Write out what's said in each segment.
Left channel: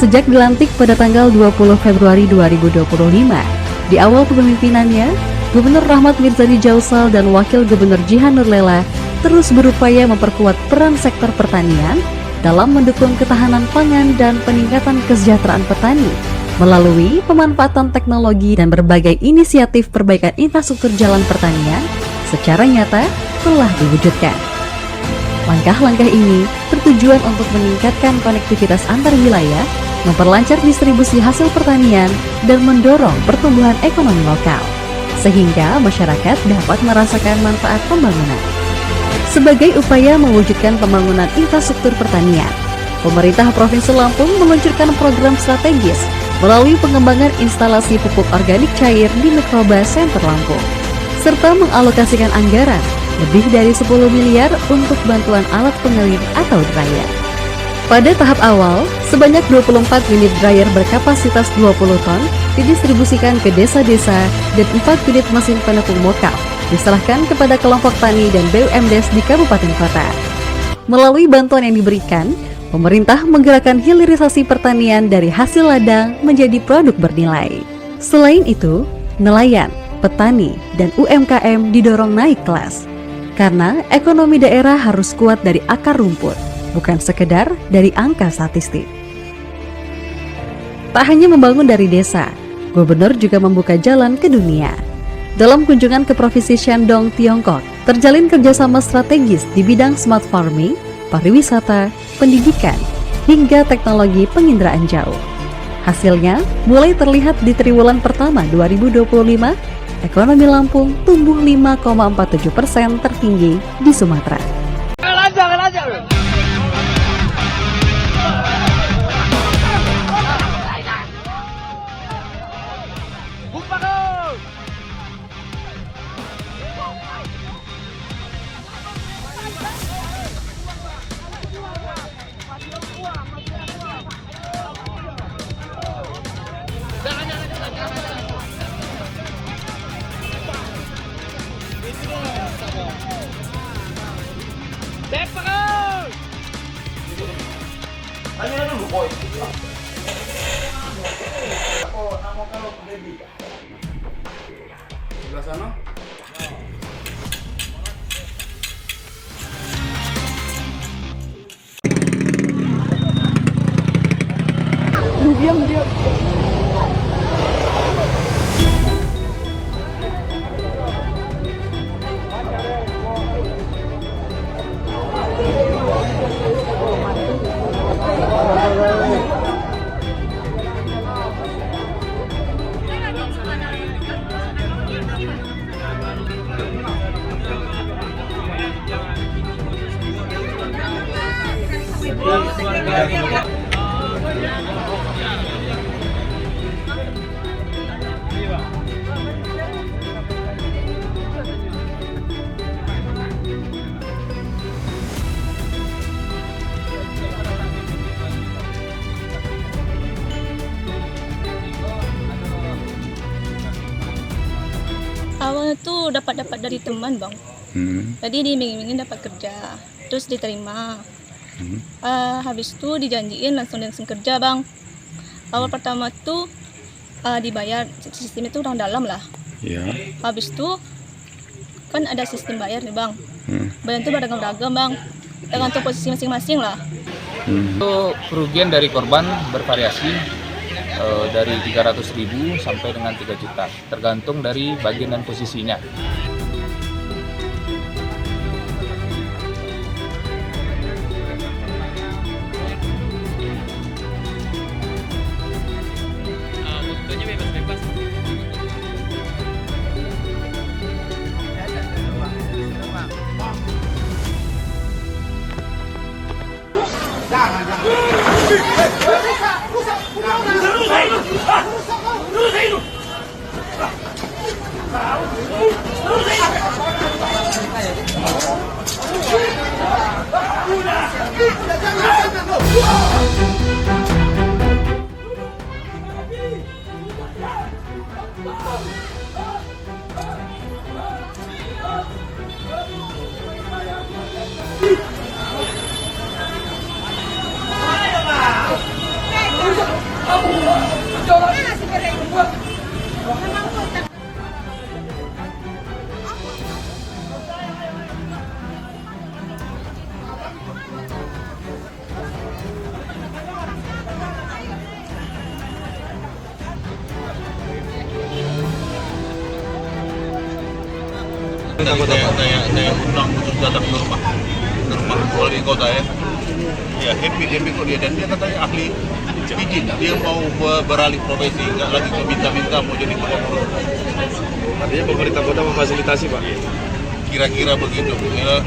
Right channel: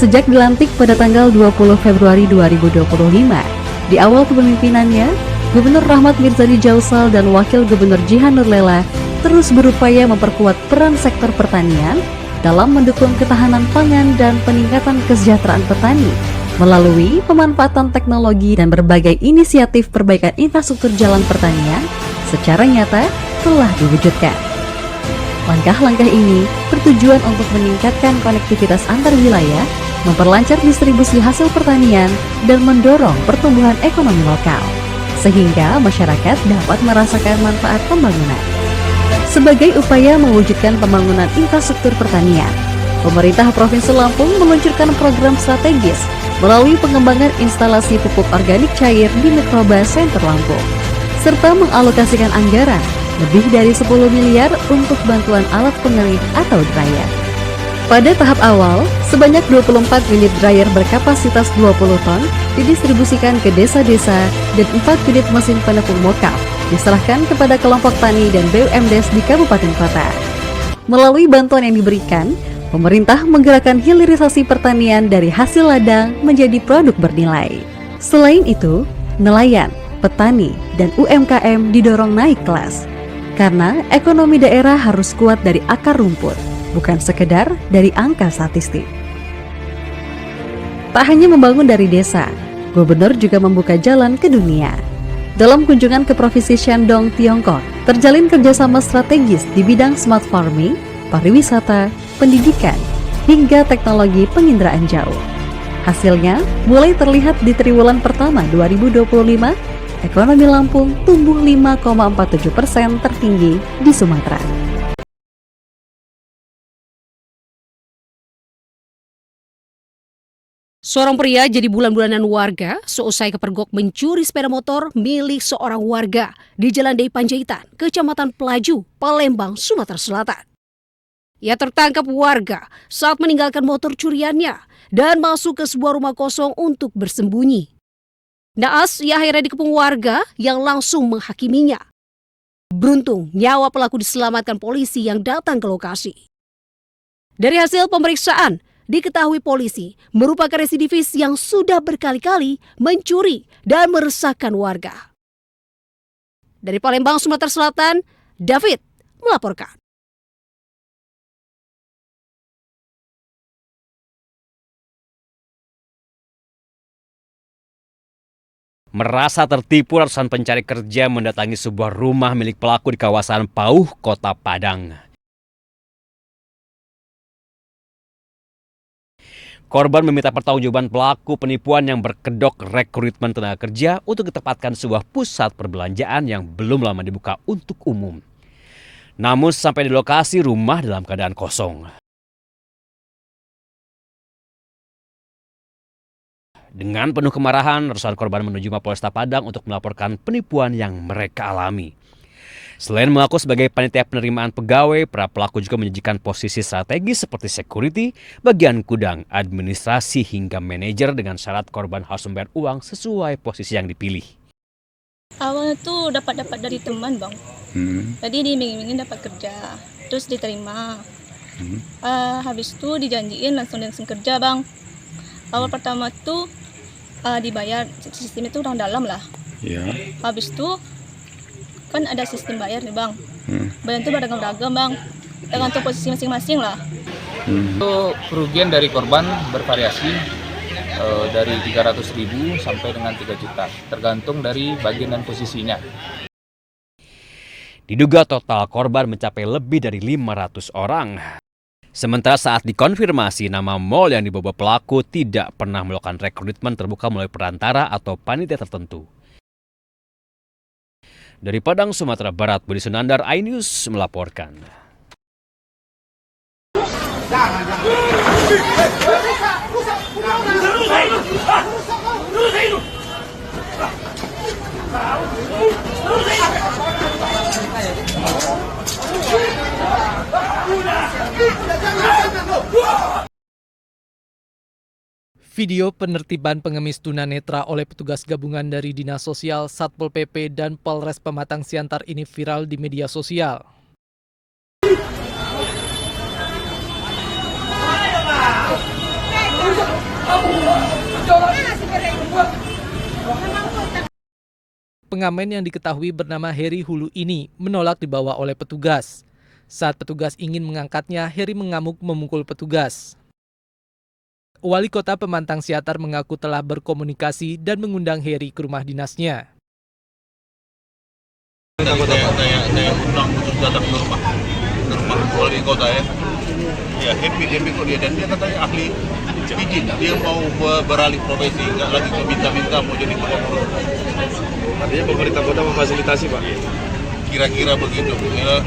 Sejak dilantik pada tanggal 20 Februari 2025, di awal kepemimpinannya, Gubernur Rahmat Mirzadi Jausal dan Wakil Gubernur Jihan Nurlela terus berupaya memperkuat peran sektor pertanian dalam mendukung ketahanan pangan dan peningkatan kesejahteraan petani melalui pemanfaatan teknologi dan berbagai inisiatif perbaikan infrastruktur jalan pertanian secara nyata telah diwujudkan. Langkah-langkah ini bertujuan untuk meningkatkan konektivitas antar wilayah, memperlancar distribusi hasil pertanian, dan mendorong pertumbuhan ekonomi lokal, sehingga masyarakat dapat merasakan manfaat pembangunan. Sebagai upaya mewujudkan pembangunan infrastruktur pertanian, pemerintah Provinsi Lampung meluncurkan program strategis melalui pengembangan instalasi pupuk organik cair di Mikroba Center Lampung, serta mengalokasikan anggaran lebih dari 10 miliar untuk bantuan alat pengering atau dryer. Pada tahap awal, sebanyak 24 unit dryer berkapasitas 20 ton didistribusikan ke desa-desa dan 4 unit mesin penepung mokaf diserahkan kepada kelompok tani dan BUMDes di kabupaten kota. Melalui bantuan yang diberikan, pemerintah menggerakkan hilirisasi pertanian dari hasil ladang menjadi produk bernilai. Selain itu, nelayan, petani, dan UMKM didorong naik kelas. Karena ekonomi daerah harus kuat dari akar rumput, bukan sekedar dari angka statistik. Tak hanya membangun dari desa, Gubernur juga membuka jalan ke dunia. Dalam kunjungan ke Provinsi Shandong, Tiongkok, terjalin kerjasama strategis di bidang smart farming, pariwisata, pendidikan, hingga teknologi penginderaan jauh. Hasilnya mulai terlihat di triwulan pertama 2025, ekonomi Lampung tumbuh 5,47% tertinggi di Sumatera. Seorang pria jadi bulan-bulanan warga seusai kepergok mencuri sepeda motor milik seorang warga di Jalan Dei Panjaitan, Kecamatan Pelaju, Palembang, Sumatera Selatan. Ia tertangkap warga saat meninggalkan motor curiannya dan masuk ke sebuah rumah kosong untuk bersembunyi. Naas, ia akhirnya dikepung warga yang langsung menghakiminya. Beruntung, nyawa pelaku diselamatkan polisi yang datang ke lokasi. Dari hasil pemeriksaan, diketahui polisi merupakan residivis yang sudah berkali-kali mencuri dan meresahkan warga. Dari Palembang, Sumatera Selatan, David melaporkan. Merasa tertipu, ratusan pencari kerja mendatangi sebuah rumah milik pelaku di kawasan Pauh, Kota Padang. Korban meminta pertanggungjawaban pelaku penipuan yang berkedok rekrutmen tenaga kerja untuk ditempatkan sebuah pusat perbelanjaan yang belum lama dibuka untuk umum. Namun sampai di lokasi, rumah dalam keadaan kosong. Dengan penuh kemarahan, ratusan korban menuju Mapolresta Padang untuk melaporkan penipuan yang mereka alami. Selain mengaku sebagai panitia penerimaan pegawai, para pelaku juga menjanjikan posisi strategis seperti security, bagian gudang, administrasi, hingga manajer dengan syarat korban harus membayar uang sesuai posisi yang dipilih. Awalnya tuh dapat dari teman, Bang. Tadi diiming-imingin dapat kerja, terus diterima. Habis itu dijanjiin langsung kerja, Bang. Awal pertama tuh dibayar, sistem itu orang dalam lah. Ya. Habis itu kan ada sistem bayar nih, Bang. Bayar itu beragam-ragam, Bang. Tergantung posisi masing-masing lah. Untuk kerugian dari korban bervariasi dari 300.000 sampai dengan 3 juta, tergantung dari bagian dan posisinya. Diduga total korban mencapai lebih dari 500 orang. Sementara saat dikonfirmasi, nama mal yang dibawa pelaku tidak pernah melakukan rekrutmen terbuka melalui perantara atau panitia tertentu. Dari Padang, Sumatera Barat, Budi Sunandar, iNews melaporkan. Video penertiban pengemis tunanetra oleh petugas gabungan dari Dinas Sosial, Satpol PP, dan Polres Pematang Siantar ini viral di media sosial. Pengamen yang diketahui bernama Heri Hulu ini menolak dibawa oleh petugas. Saat petugas ingin mengangkatnya, Heri mengamuk memukul petugas. Wali Kota Pemantang Siatar mengaku telah berkomunikasi dan mengundang Heri ke rumah dinasnya. Saya undang khusus datang ke rumah wali kota ya. Ya happy kok dia, dan dia katanya ahli pijit. Dia mau beralih profesi, nggak lagi minta-minta mau jadi gubernur. Artinya pemerintah kota memfasilitasi, Pak? Kira-kira begitu, ya,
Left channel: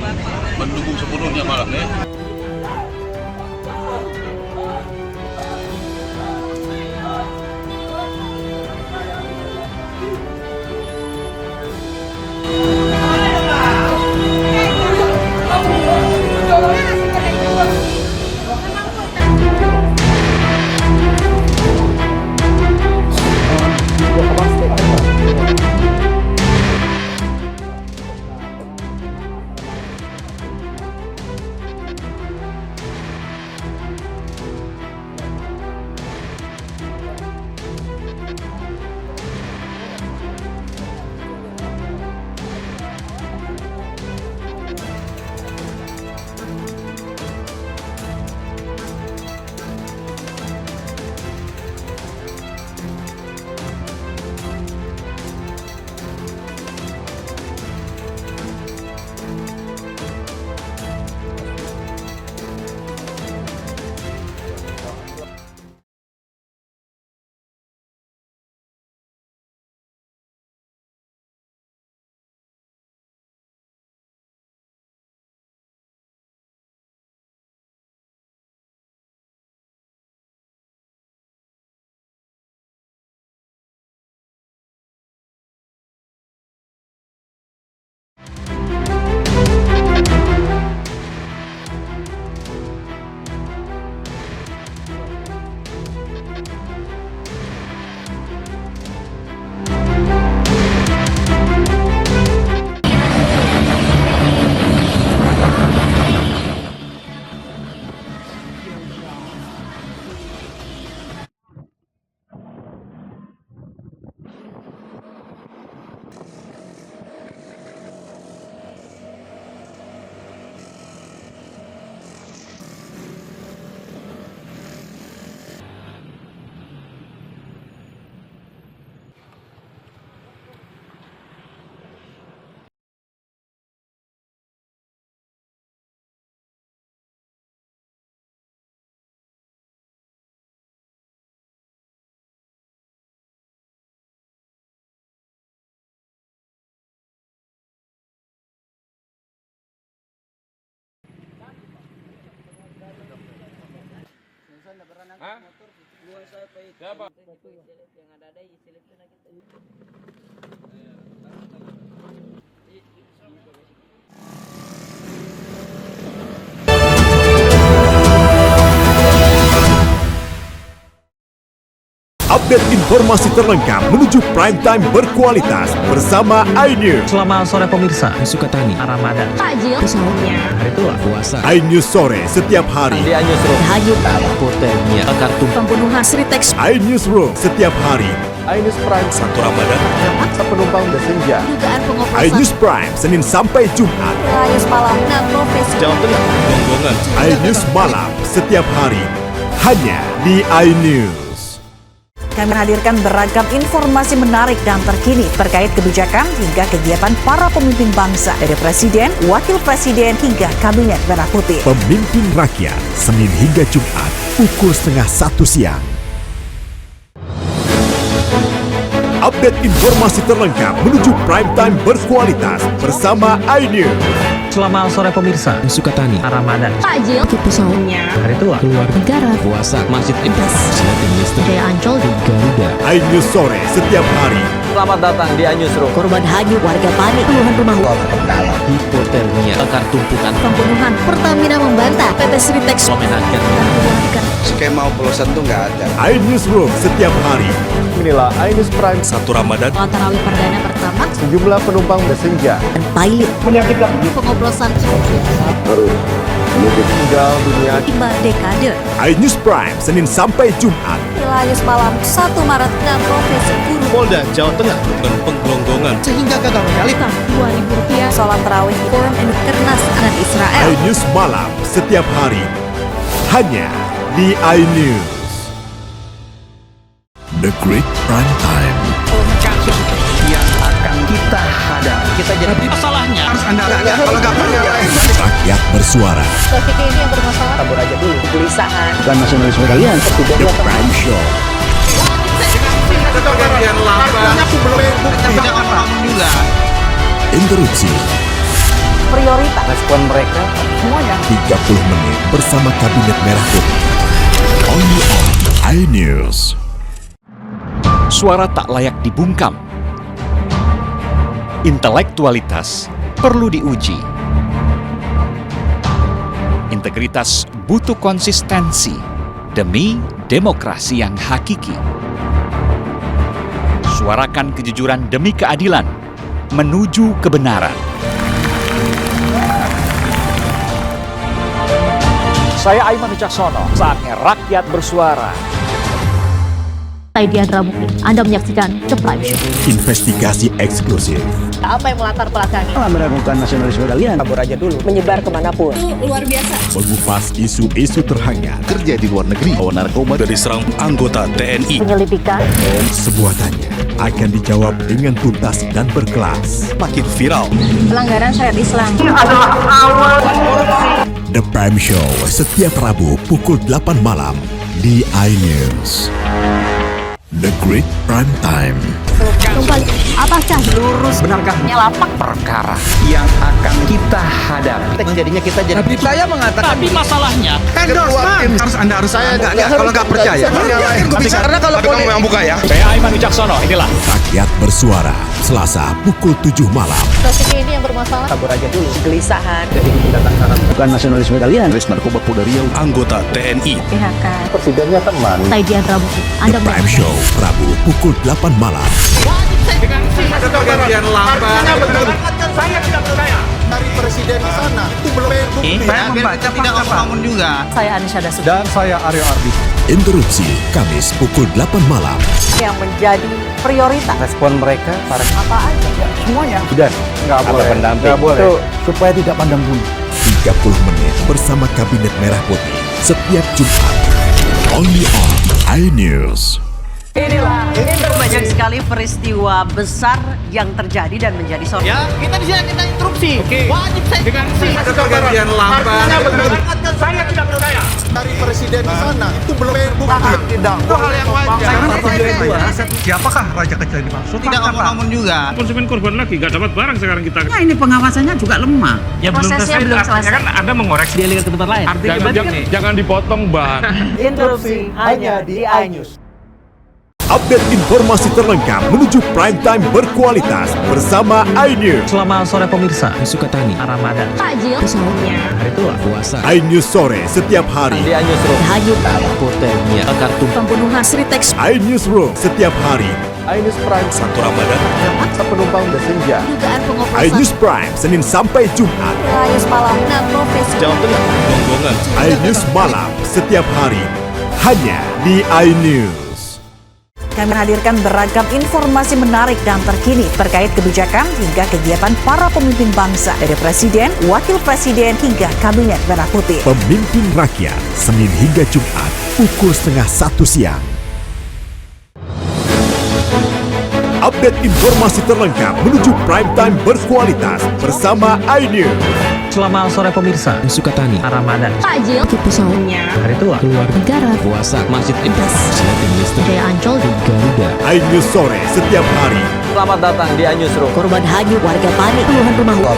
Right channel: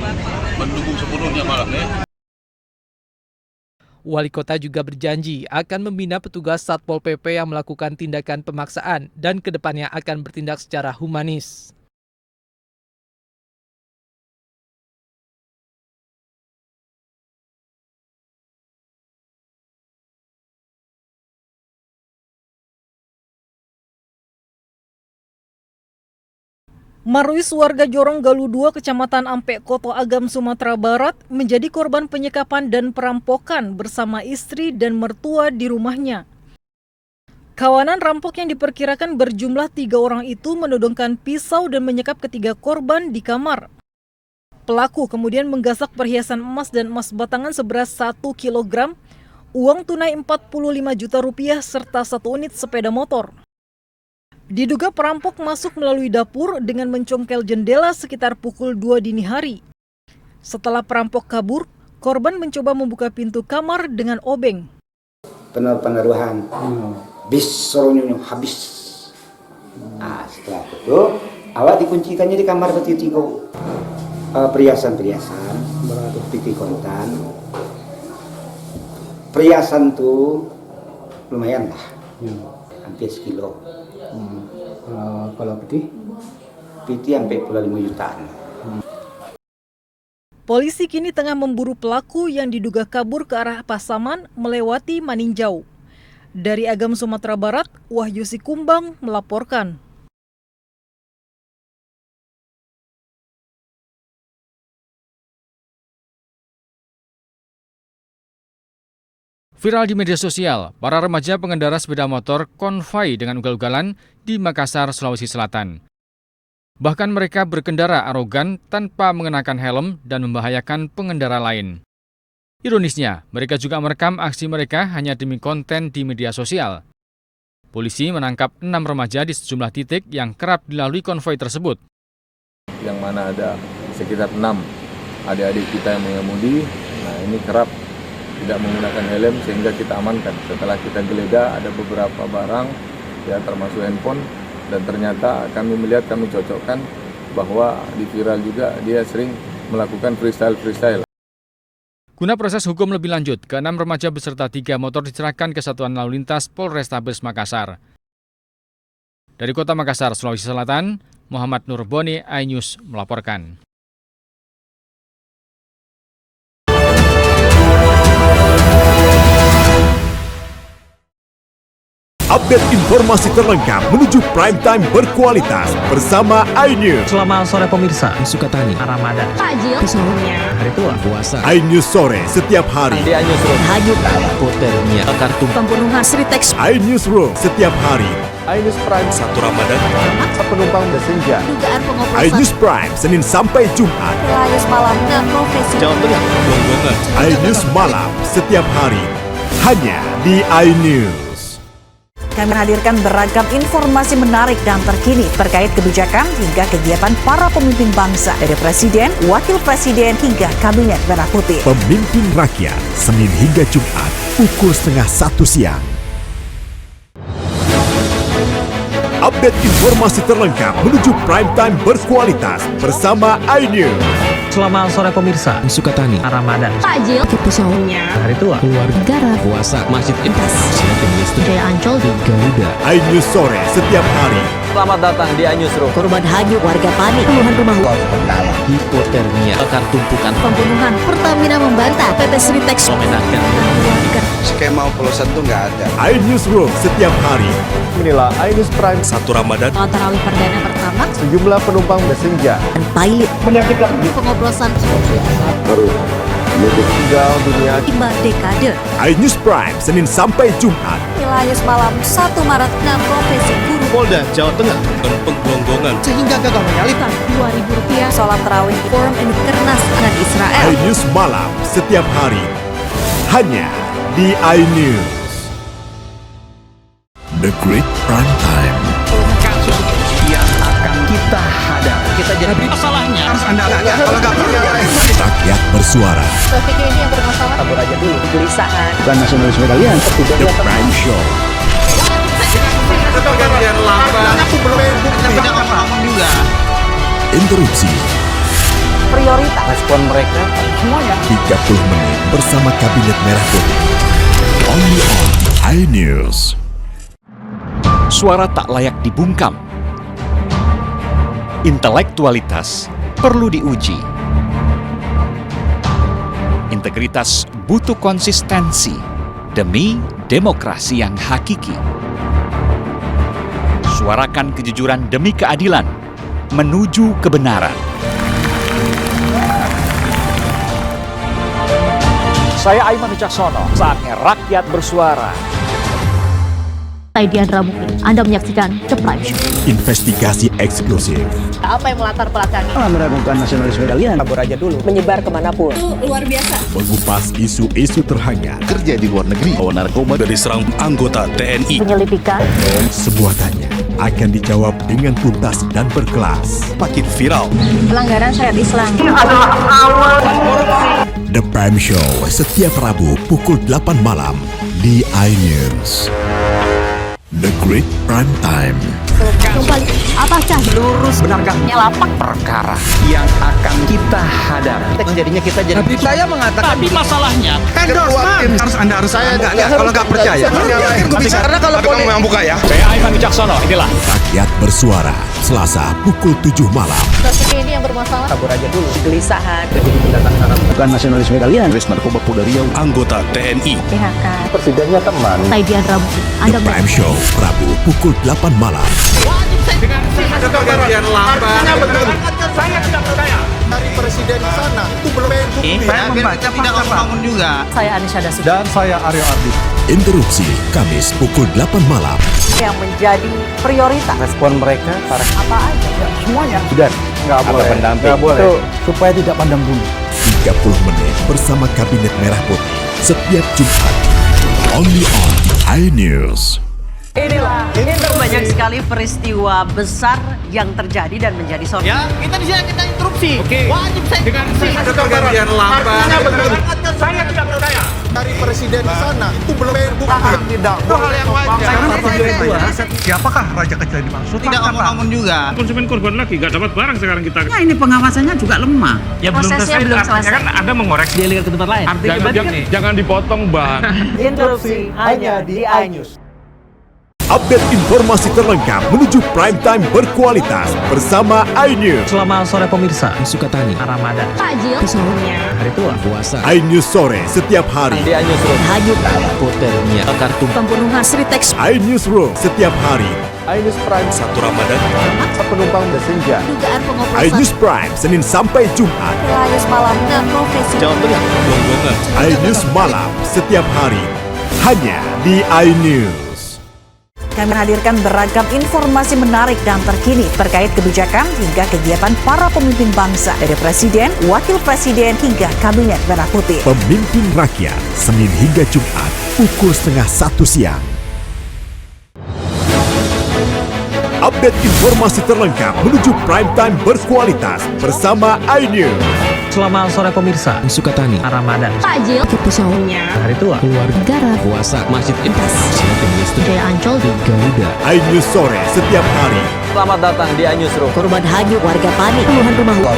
mendukung sepenuhnya malah ya. Wali Kota juga berjanji akan membina petugas Satpol PP yang melakukan tindakan pemaksaan dan kedepannya akan bertindak secara humanis. Marwis warga Jorong Galuh 2 Kecamatan Ampek Koto Agam Sumatera Barat menjadi korban penyekapan dan perampokan bersama istri dan mertua di rumahnya. Kawanan rampok yang diperkirakan berjumlah 3 orang itu menodongkan pisau dan menyekap ketiga korban di kamar. Pelaku kemudian menggasak perhiasan emas dan emas batangan seberat 1 kg, uang tunai 45 juta rupiah serta 1 unit sepeda motor. Diduga perampok masuk melalui dapur dengan mencongkel jendela sekitar pukul 2 dini hari. Setelah perampok kabur, korban mencoba membuka pintu kamar dengan obeng. Pengaruhan, bis sorongnya habis. Nah, setelah itu, awak dikuncikannya di kamar bertiga. Perhiasan, piti kontan. Perhiasan tuh lumayan lah, hampir sekilo. Kalau piti sampai 45 jutaan. Polisi kini tengah memburu pelaku yang diduga kabur ke arah Pasaman melewati Maninjau. Dari Agam Sumatera Barat, Wahyu Sikumbang melaporkan. Viral di media sosial, para remaja pengendara sepeda motor konvoi dengan ugal-ugalan di Makassar, Sulawesi Selatan. Bahkan mereka berkendara arogan tanpa mengenakan helm dan membahayakan pengendara lain. Ironisnya, mereka juga merekam aksi mereka hanya demi konten di media sosial. Polisi menangkap 6 remaja di sejumlah titik yang kerap dilalui konvoi tersebut. Yang mana ada sekitar 6 adik-adik kita yang mengemudi, nah ini kerap tidak menggunakan helm sehingga kita amankan. Setelah kita geledah ada beberapa barang ya termasuk handphone, dan ternyata kami melihat, kami cocokkan bahwa di viral juga dia sering melakukan freestyle. Guna proses hukum lebih lanjut, ke-6 remaja beserta 3 motor diserahkan ke Satuan Lalu Lintas Polrestabes Makassar. Dari Kota Makassar, Sulawesi Selatan, Muhammad Nurboni, iNews melaporkan. Update informasi terlengkap menuju prime time berkualitas bersama iNews. Selamat sore pemirsa, Sukatani, Ramadan, Takjil, Sahurnya, Hari Tua, Puasa. iNews sore setiap hari. Di iNews Room, Tahajud, Hotelnya, Kartu, Pembunuhan, Sritex. iNews Room setiap hari. iNews Prime 1 Ramadan, penumpang bersenja. Dugaan pengoplosan. iNews Prime Senin sampai Jumat. iNews Malam, profesi. Jawa Tengah, Gonggongan. iNews Malam setiap hari hanya di iNews. Kami menghadirkan beragam informasi menarik dan terkini terkait kebijakan hingga kegiatan para pemimpin bangsa, dari presiden, wakil presiden, hingga kabinet merah putih. Pemimpin rakyat, Senin hingga Jumat, pukul 12:30 siang. Update informasi terlengkap menuju prime time berkualitas bersama iNews. Selamat sore pemirsa, Sukatani, Ramadan, Takjil, Sahurnya, Hari Tua, Keluarga, Negara, Puasa, Masjid Intas, Silatin Listrik, Jaya Ancol, Garuda. iNews sore setiap hari. Selamat datang di iNews Room. korban hanyut, warga panik, puluhan rumah Hipotermia, bakar tumpukan, pembunuhan. Pertamina membantah PT Sritex memenangkan dan keluarga. Skema oplosan tuh nggak ada. iNews Room setiap hari. Inilah iNews Prime 1 Ramadan. Sholat tarawih perdana pertama Sejumlah penumpang bersenja. dan pilot Menyakitkan. pengoplosan Harus mudik tinggal dunia 5 dekade. iNews Prime, Senin sampai Jumat. Nilai malam 1 Maret 6 profesi guru. Polda Jawa Tengah dan penggelonggongan Sehingga gagal menyalip Rp2.000. Sholat tarawih Forum Kernas dengan Israel. iNews Malam setiap hari hanya di iNews. The Great Prime Time. Kasus yang akan kita hadapi. Kita jadi masalahnya harus Anda kalau nggak Rakyat bersuara. Topik ini yang bermasalah. kabur aja dulu. Kegelisahan. Bukan nasionalisme kalian. The Prime Show. Pergantian lambang. Aku belum bukti. Tidak ngomong juga. Interupsi. Prioritas. Respon mereka semuanya. 30 menit bersama Kabinet Merah Putih. Only on iNews. Suara tak layak dibungkam. Intelektualitas perlu diuji. Integritas butuh konsistensi demi demokrasi yang hakiki. Suarakan kejujuran demi keadilan menuju kebenaran. Saya Aiman Wicaksono, saatnya rakyat bersuara. Saya Diandra Mukti. Anda menyaksikan The Prime Show. Investigasi eksklusif. Apa yang melatar belakangi? Meragukan nasionalisme kalian. Kabur aja dulu. Menyebar kemanapun. Itu luar biasa. Mengupas isu-isu terhangat. kerja di luar negeri, bawa narkoba dari serang anggota TNI. Penyelidikan. Semua tanya akan dijawab dengan tuntas dan berkelas. Makin viral. Pelanggaran syariat Islam. The Prime Show setiap Rabu pukul 8 malam di iNews. The Great Prime Time. Kembali. Apakah Lurus benarkah nyelapak perkara yang akan kita hadapi? Jadinya kita jadi. Tapi saya mengatakan. Tapi masalahnya. Endorsement harus Anda harus saya enggak kalau nggak percaya. Karena kalau kamu memang buka ya. Saya Aiman Wicaksono, inilah Rakyat bersuara Selasa pukul 7 malam. topik ini yang bermasalah? Kabur aja dulu. Kegelisahan. Jadi pendatang syarat bukan nasionalisme kalian. Res narkoba Polda Riau, anggota TNI. PHK. Presidennya teman. Saya Diandra Mukti. The Prime Show Rabu pukul 8 malam. Ada pergantian lambang. Saya tidak percaya. Dari presiden di sana itu belum bukti. Saya membaca tidak ngomong juga. Saya Anisha Dasuki. Dan saya Aryo Ardi. Interupsi Kamis pukul 8 malam. Yang menjadi prioritas. Respon mereka para Apa aja? semuanya. Sudah nggak boleh. Nggak boleh. Itu supaya tidak pandang bulu. 30 menit bersama Kabinet Merah Putih setiap Jumat. Only on iNews. Inilah banyak sekali peristiwa besar yang terjadi dan menjadi sorotan. Ya, kita di sini kita interupsi. Wajib saya dengar ada pergantian lambang. Saya tidak percaya. Dari presiden di sana itu belum bukti. Tidak. Itu hal yang wajar. Siapakah raja kecil yang dimaksud? Tidak ngomong juga. Konsumen korban lagi nggak dapat barang sekarang kita. Ya ini pengawasannya juga lemah. Ya prosesnya belum selesai. Kan Anda mengoreksi. Dia lihat ke tempat lain. Jangan dipotong, Bang. Interupsi hanya di iNews. Update informasi terlengkap menuju prime time berkualitas bersama iNews. Selamat sore pemirsa, Sukatani, Ramadan, Takjil, sahurnya, hari tua, puasa, iNews sore setiap hari. Di iNewsroom. hanyut, hipotermia, kartu, pembunuhan Sri Teks, iNews Room setiap hari. iNews Prime 1 Ramadan. Penumpang bersenja. dugaan pengoplosan. iNews Prime Senin sampai Jumat. Nilai malam 6 profesi. Jawa Tengah, Gonggongan. iNews Malam setiap hari hanya di iNews. Kami menghadirkan beragam informasi menarik dan terkini terkait kebijakan hingga kegiatan para pemimpin bangsa dari Presiden, Wakil Presiden hingga Kabinet Merah Putih. Pemimpin Rakyat Senin hingga Jumat pukul 12:30 siang. Update informasi terlengkap menuju prime time berkualitas bersama iNews. Selamat sore pemirsa, Sukatani, Ramadan, Takjil, sahurnya, hari tua, keluarga, negara, puasa, masjid, silatin listrik, Jaya Ancol, Garuda, iNews sore setiap hari. Selamat datang di iNewsroom. korban hanyut, warga panik, puluhan rumah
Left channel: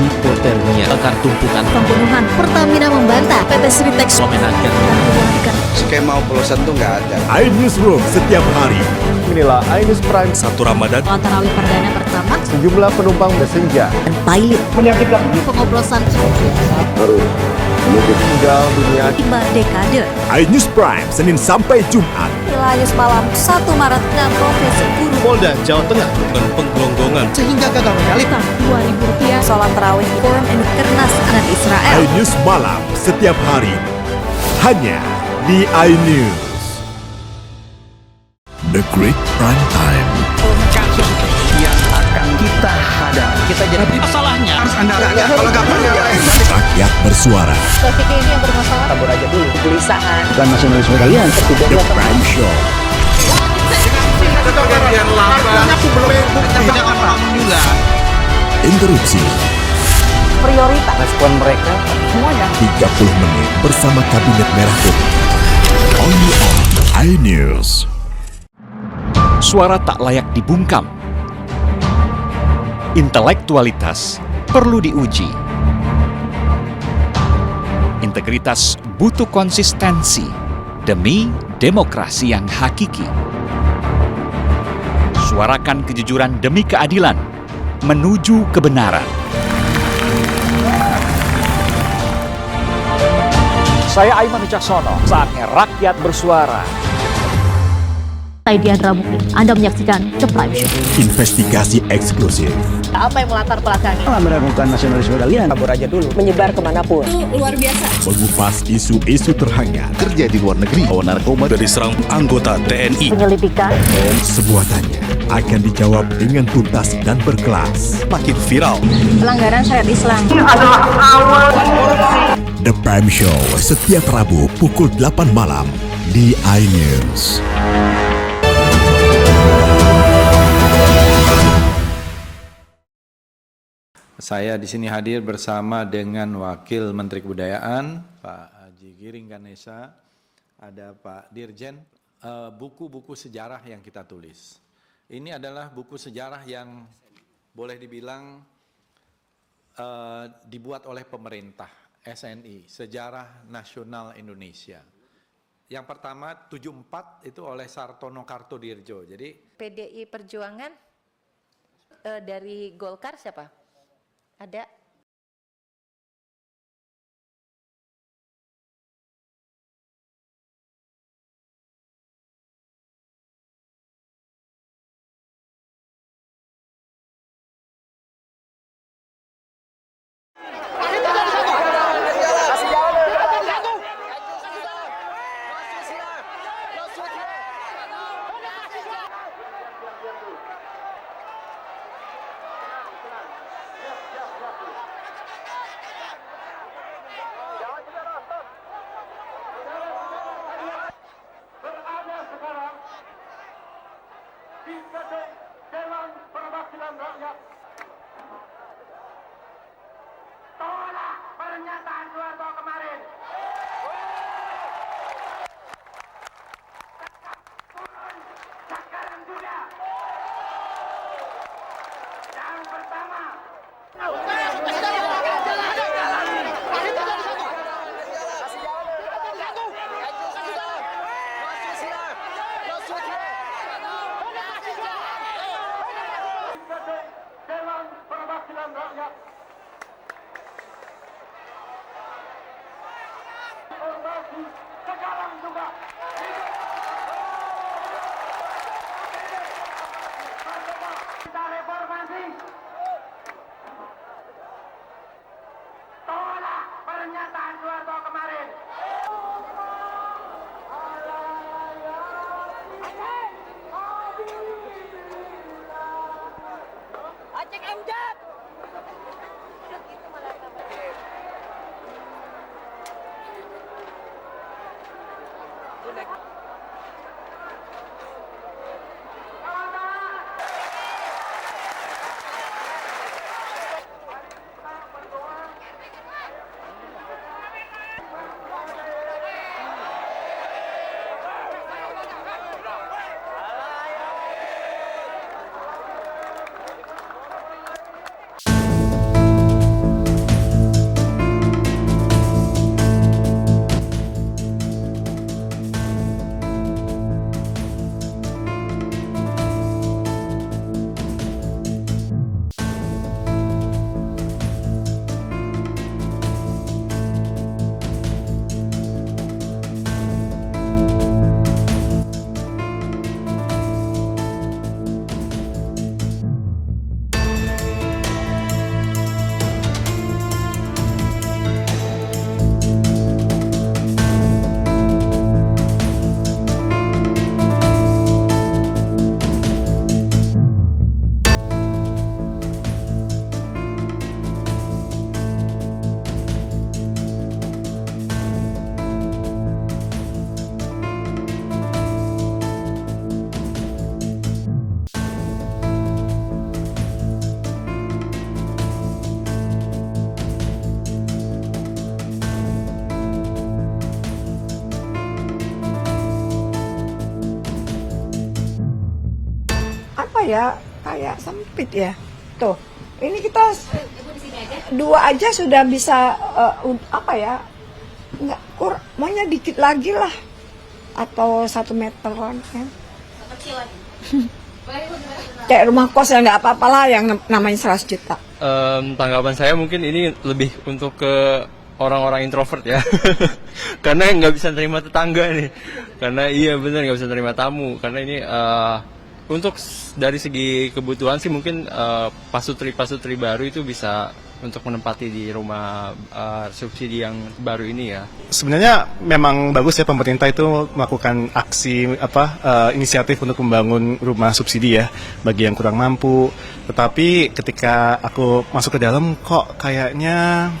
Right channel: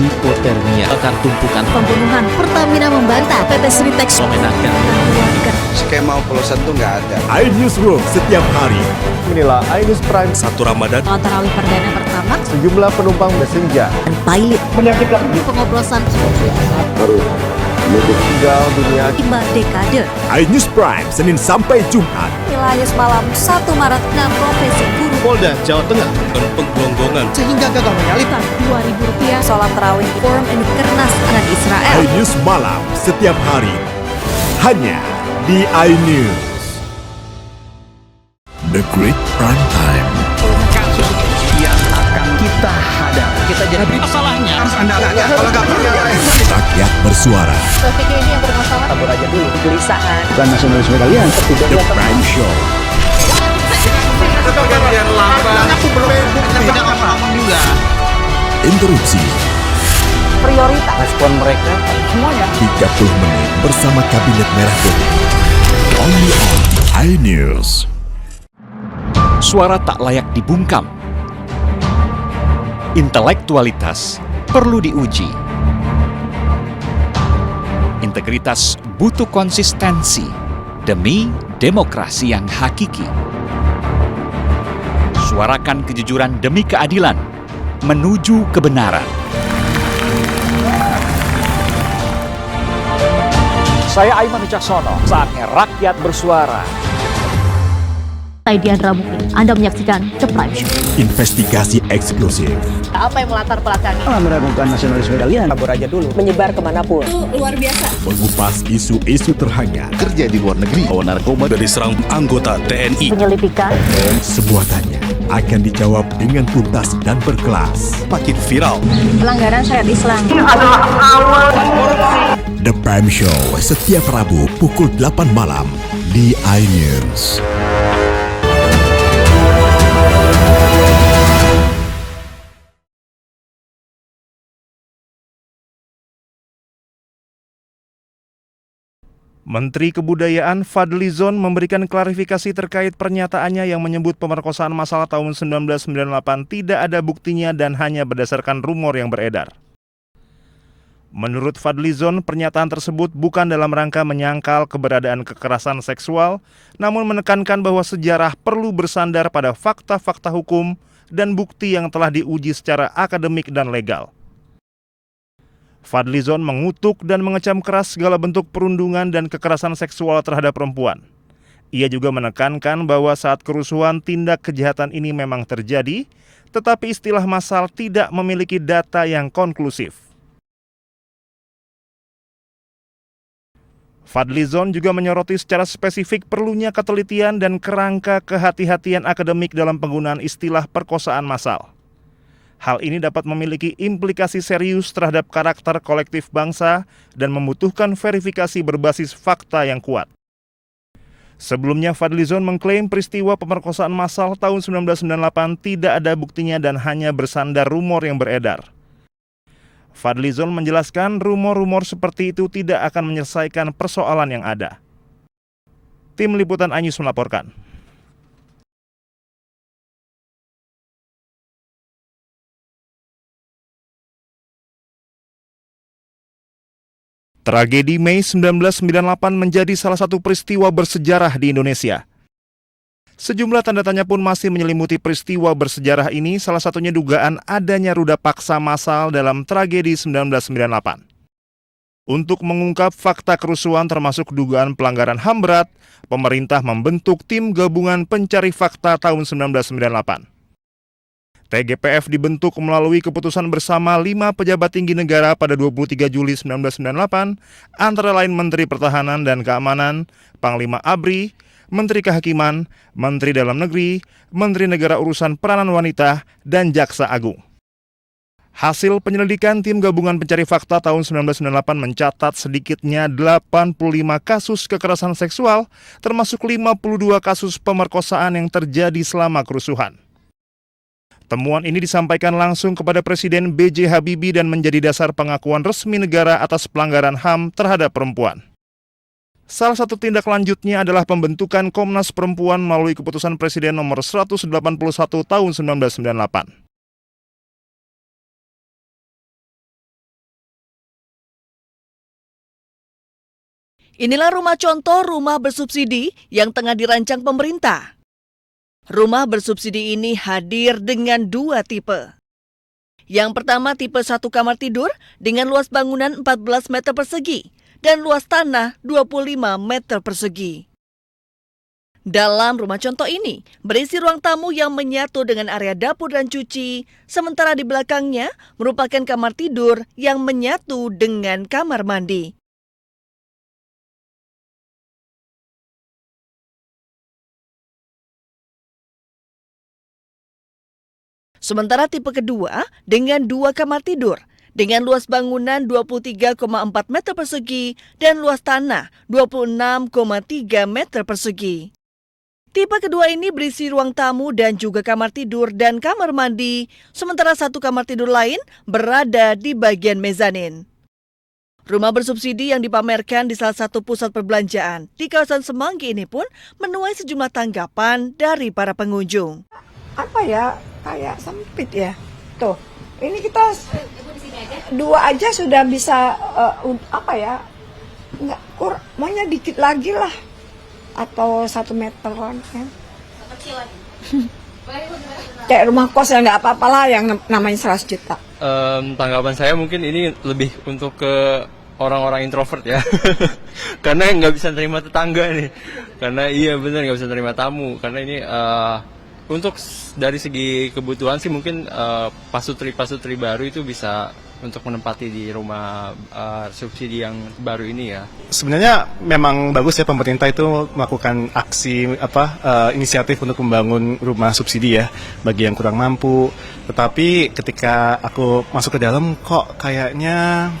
hipotermia, bakar tumpukan, pembunuhan, Pertamina membantah PT Sri Teks memenangkan, dan keluarga. Skema oplosan tuh nggak ada. iNews Room setiap hari. Inilah iNews Prime 1 Ramadan. Sholat tarawih perdana pertama Sejumlah penumpang bersenja. dan pilot Menyakitkan. pengoplosan Harus mudik tinggal dunia 5 dekade. iNews Prime Senin sampai Jumat. Nilai malam 1 Maret 6 profesi guru Polda Jawa Tengah dengan penggelonggongan sehingga gagal menyalip. Rp2.000 sholat tarawih Forum Kernas dengan Israel. iNews Malam setiap hari hanya di iNews. The Great Prime Time. Kasus yang akan kita hadapi. Kita jadi masalahnya harus Anda kalau nggak percaya. Rakyat bersuara. Topik ini yang bermasalah. Kabur aja dulu. Kegelisahan. Bukan nasionalisme kalian. The Prime Show. Pergantian lambang. Aku belum bukti. Tidak ngomong juga. Interupsi. Prioritas. Respon mereka semuanya. 30 menit bersama Kabinet Merah Putih. Only on iNews. Suara tak layak dibungkam. Intelektualitas perlu diuji. Integritas butuh konsistensi demi demokrasi yang hakiki. Suarakan kejujuran demi keadilan menuju kebenaran. Saya Aiman Wicaksono, saatnya rakyat bersuara. Saya Diandra Mukti, Anda menyaksikan The Prime Show. Investigasi eksklusif. Apa yang melatar belakangi? Meragukan nasionalisme kalian. Kabur aja dulu. Menyebar kemanapun. Itu luar biasa. Mengupas isu-isu terhangat. kerja di luar negeri, bawa narkoba dari serang anggota TNI. Penyelidikan. Semua tanya akan dijawab dengan tuntas dan berkelas. Makin viral. Pelanggaran syariat Islam. The Prime Show setiap Rabu pukul 8 malam di iNews. Saya di sini hadir bersama dengan Wakil Menteri Kebudayaan, Pak Haji Giring Ganesha. Menteri Kebudayaan Fadlizon memberikan klarifikasi terkait pernyataannya yang menyebut pemerkosaan massal tahun 1998 tidak ada buktinya dan hanya berdasarkan rumor yang beredar. Menurut Fadlizon, pernyataan tersebut bukan dalam rangka menyangkal keberadaan kekerasan seksual, namun menekankan bahwa sejarah perlu bersandar pada fakta-fakta hukum dan bukti yang telah diuji secara akademik dan legal. Fadlizon mengutuk dan mengecam keras segala bentuk perundungan dan kekerasan seksual terhadap perempuan. Ia juga menekankan bahwa saat kerusuhan tindak kejahatan ini memang terjadi, tetapi istilah massal tidak memiliki data yang konklusif. Fadlizon juga menyoroti secara spesifik perlunya ketelitian dan kerangka kehati-hatian akademik dalam penggunaan istilah perkosaan massal. Hal ini dapat memiliki implikasi serius terhadap karakter kolektif bangsa dan membutuhkan verifikasi berbasis fakta yang kuat. Sebelumnya, Fadlizon mengklaim peristiwa pemerkosaan massal tahun 1998 tidak ada buktinya dan hanya bersandar rumor yang beredar. Fadlizon menjelaskan rumor-rumor seperti itu tidak akan menyelesaikan persoalan yang ada. Tim Liputan iNews melaporkan. Tragedi Mei 1998 menjadi salah satu peristiwa bersejarah di Indonesia. Sejumlah tanda tanya pun masih menyelimuti peristiwa bersejarah ini, salah satunya dugaan adanya ruda paksa massal dalam tragedi 1998. Untuk mengungkap fakta kerusuhan termasuk dugaan pelanggaran HAM berat, pemerintah membentuk tim gabungan pencari fakta tahun 1998. TGPF dibentuk melalui keputusan bersama 5 pejabat tinggi negara pada 23 Juli 1998, antara lain Menteri Pertahanan dan Keamanan, Panglima ABRI, Menteri Kehakiman, Menteri Dalam Negeri, Menteri Negara Urusan Peranan Wanita, dan Jaksa Agung. Hasil penyelidikan tim gabungan pencari fakta tahun 1998 mencatat sedikitnya 85 kasus kekerasan seksual, termasuk 52 kasus pemerkosaan yang terjadi selama kerusuhan. Temuan ini disampaikan langsung kepada Presiden B.J. Habibie dan menjadi dasar pengakuan resmi negara atas pelanggaran HAM terhadap perempuan. Salah satu tindak lanjutnya adalah pembentukan Komnas Perempuan melalui keputusan Presiden nomor 181 tahun 1998. Inilah rumah contoh rumah bersubsidi yang tengah dirancang pemerintah. Rumah bersubsidi ini hadir dengan 2 tipe. Yang pertama tipe 1 kamar tidur dengan luas bangunan 14 meter persegi dan luas tanah 25 meter persegi. Dalam rumah contoh ini, berisi ruang tamu yang menyatu dengan area dapur dan cuci, sementara di belakangnya merupakan kamar tidur yang menyatu dengan kamar mandi. Sementara tipe kedua dengan 2 kamar tidur, dengan luas bangunan 23,4 meter persegi dan luas tanah 26,3 meter persegi. Tipe kedua ini berisi ruang tamu dan juga kamar tidur dan kamar mandi, sementara 1 kamar tidur lain berada di bagian mezanin. Rumah bersubsidi yang dipamerkan di salah satu pusat perbelanjaan di kawasan Semanggi ini pun menuai sejumlah tanggapan dari para pengunjung. Apa ya, kayak sempit ya. Tuh, ini kita 2 aja sudah bisa nggak maunya dikit lagi lah, atau 1 meteran kan. Kayak rumah kos ya, nggak apa-apa lah yang namanya 100 juta. Tanggapan saya mungkin ini lebih untuk ke orang-orang introvert ya. Karena nggak bisa terima tetangga nih. Karena iya benar nggak bisa terima tamu. Karena ini untuk dari segi kebutuhan sih mungkin pasutri baru itu bisa untuk menempati di rumah subsidi yang baru ini ya. Sebenarnya memang bagus ya pemerintah itu melakukan aksi inisiatif untuk membangun rumah subsidi ya bagi yang kurang mampu. Tetapi ketika aku masuk ke dalam kok kayaknya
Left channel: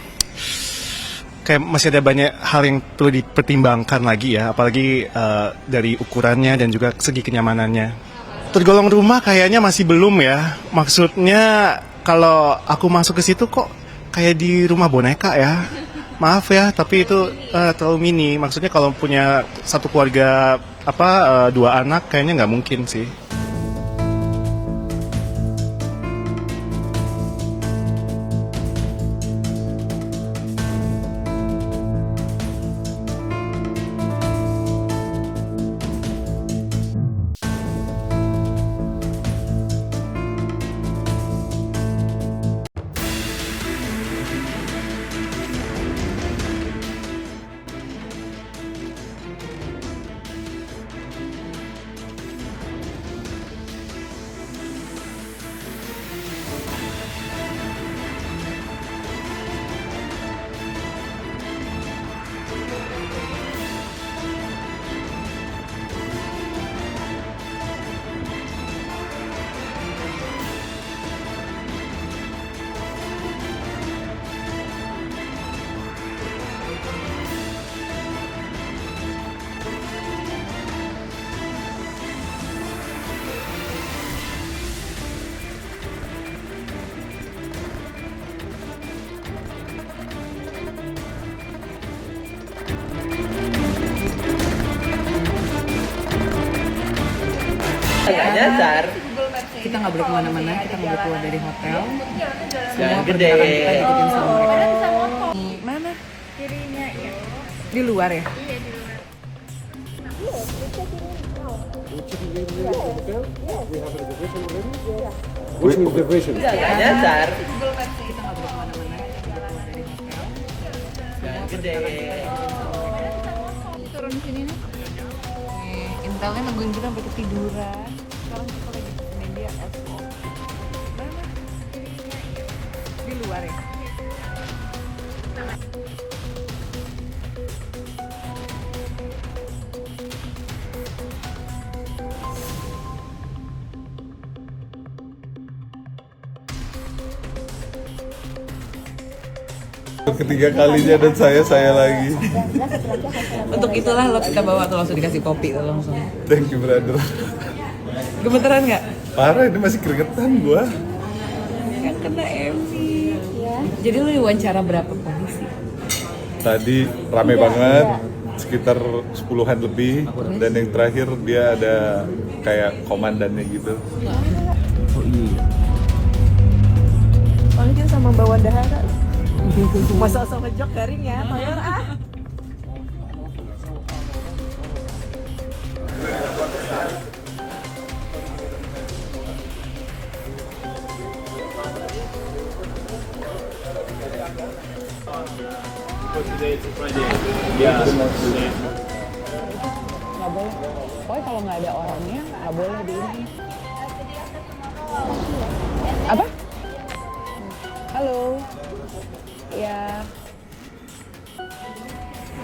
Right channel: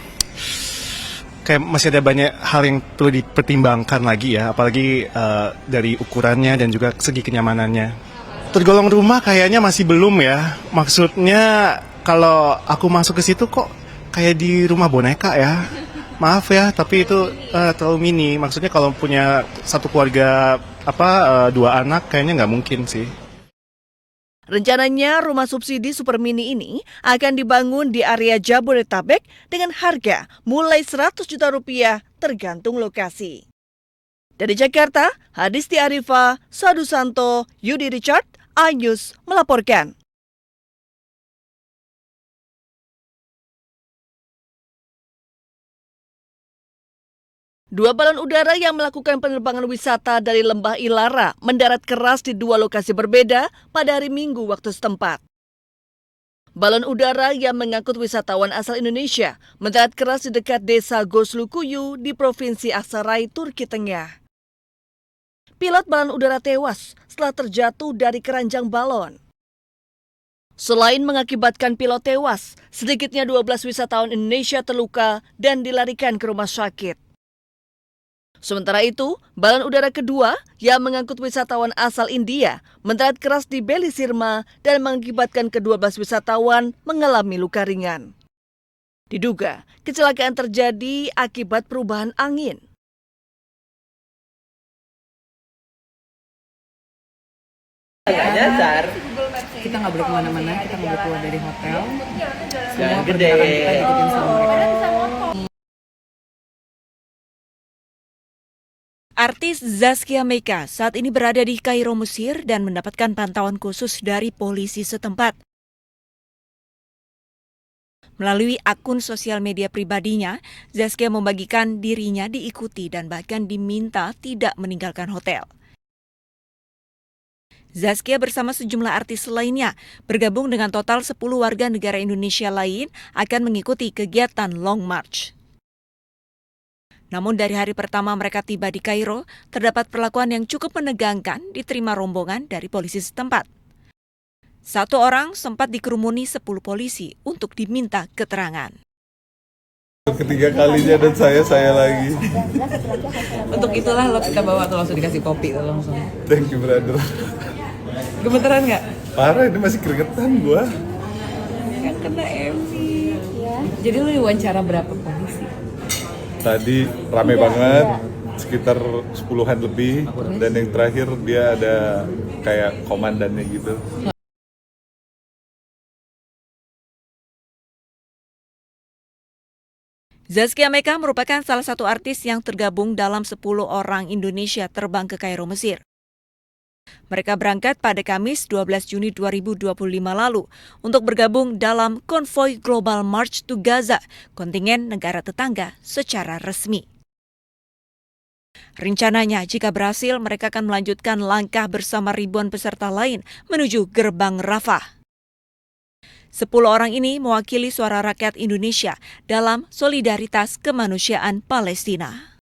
masih ada banyak hal yang perlu dipertimbangkan lagi ya, apalagi dari ukurannya dan juga segi kenyamanannya. Tergolong rumah kayaknya masih belum ya. Maksudnya kalau aku masuk ke situ kok kayak di rumah boneka ya. Maaf ya, tapi itu terlalu mini. Maksudnya kalau punya satu keluarga 2 anak kayaknya nggak mungkin sih. Rencananya rumah subsidi super mini ini akan dibangun di area Jabodetabek dengan harga mulai 100 juta rupiah tergantung lokasi. Dari Jakarta, Adisti Arifa, Sadu Santo, Yudi Richard, iNews melaporkan. Dua balon udara yang melakukan penerbangan wisata dari Lembah Ilara mendarat keras di 2 lokasi berbeda pada hari Minggu waktu setempat. Balon udara yang mengangkut wisatawan asal Indonesia mendarat keras di dekat desa Goslukuyu di Provinsi Aksaray, Turki Tengah. Pilot balon udara tewas setelah terjatuh dari keranjang balon. Selain mengakibatkan pilot tewas, sedikitnya 12 wisatawan Indonesia terluka dan dilarikan ke rumah sakit. Sementara itu, balon udara kedua yang mengangkut wisatawan asal India mendarat keras di Beli Sirma dan mengakibatkan ke-12 wisatawan mengalami luka ringan. Diduga, kecelakaan terjadi akibat perubahan angin. Agak nyasar. Kita nggak boleh kemana-mana, kita nggak boleh keluar dari hotel. Semua pergerakan kita ikutin sama mereka. Mana? Di luar ya? Artis Zaskia Meka saat ini berada di Kairo, Mesir dan mendapatkan pantauan khusus dari polisi setempat. Melalui akun sosial media pribadinya, Zaskia membagikan dirinya diikuti dan bahkan diminta tidak meninggalkan hotel. Intelnya nungguin kita sampai ketiduran. Zaskia bersama sejumlah artis lainnya bergabung dengan total 10 warga negara Indonesia lain akan mengikuti kegiatan Long March. Namun dari hari pertama mereka tiba di Kairo, terdapat perlakuan yang cukup menegangkan diterima rombongan dari polisi setempat. 1 orang sempat dikerumuni 10 polisi untuk diminta keterangan. Ketiga kalinya dan saya lagi. Untuk itulah lo kita bawa tuh langsung dikasih kopi tuh langsung. Thank you brother. Gemeteran nggak? Parah, ini masih keringetan gua. Kan kena MC. Ya. Jadi lo diwawancara berapa polisi? Tadi rame banget, sekitar 10-an lebih. Dan yang terakhir dia ada kayak komandannya gitu. Paling sama bawa dahara. Zaskia Meka merupakan salah satu artis yang tergabung dalam 10 orang Indonesia terbang ke Kairo, Mesir. Mereka berangkat pada Kamis 12 Juni 2025 lalu untuk bergabung dalam konvoi Global March to Gaza, kontingen negara tetangga secara resmi. Rencananya, jika berhasil, mereka akan melanjutkan langkah bersama ribuan peserta lain menuju gerbang Rafah. 10 orang ini mewakili suara rakyat Indonesia dalam solidaritas kemanusiaan Palestina.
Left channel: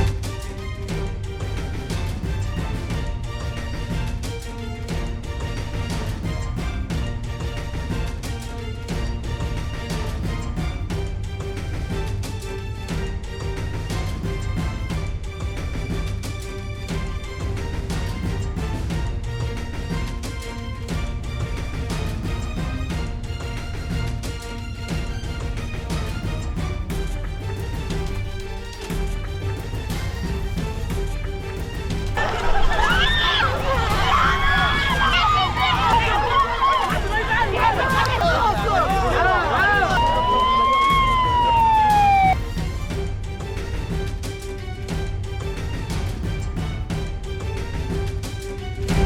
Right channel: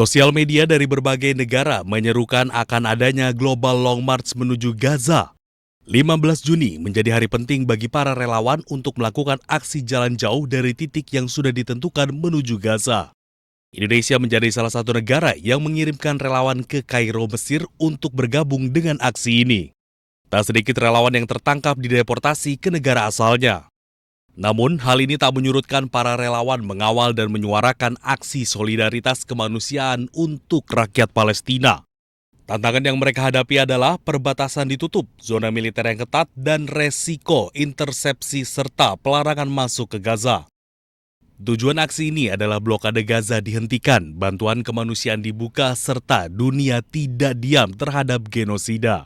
Sosial media dari berbagai negara menyerukan akan adanya Global Long March menuju Gaza. 15 Juni menjadi hari penting bagi para relawan untuk melakukan aksi jalan jauh dari titik yang sudah ditentukan menuju Gaza. Indonesia menjadi salah satu negara yang mengirimkan relawan ke Kairo, Mesir untuk bergabung dengan aksi ini. Tak sedikit relawan yang tertangkap dideportasi ke negara asalnya. Namun, hal ini tak menyurutkan para relawan mengawal dan menyuarakan aksi solidaritas kemanusiaan untuk rakyat Palestina. Tantangan yang mereka hadapi adalah perbatasan ditutup, zona militer yang ketat, dan resiko intersepsi serta pelarangan masuk ke Gaza. Tujuan aksi ini adalah blokade Gaza dihentikan, bantuan kemanusiaan dibuka, serta dunia tidak diam terhadap genosida.